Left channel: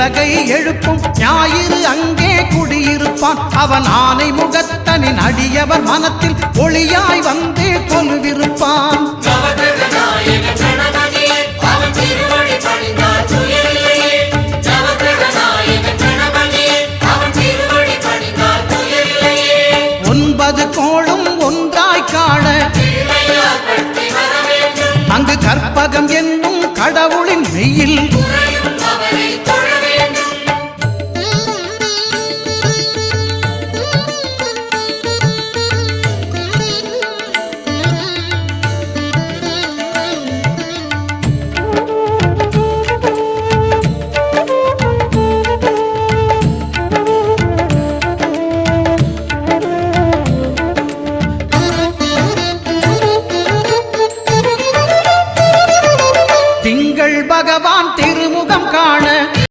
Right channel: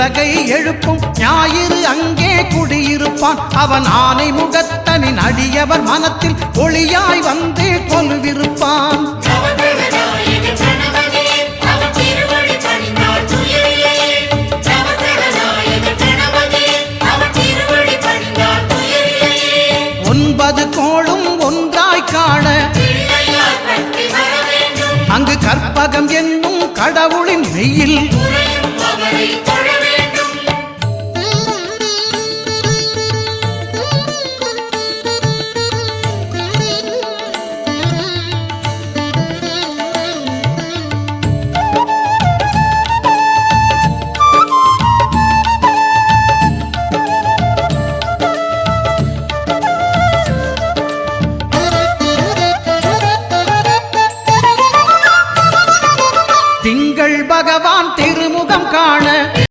உலகை எழுப்பும் ஞாயிறு அங்கே குடியிருப்பான். அவன் ஆனை முகத்தனின் அடியவர் மனத்தில் ஒளியாய் வந்து கொலுவிருப்பான். ஒன்பது கோளும் ஒன்றாய் காண அங்கு கற்பகம் என்னும் கடவுளின் மெய்யில் திங்கள் பகவான் திருமுகம் காண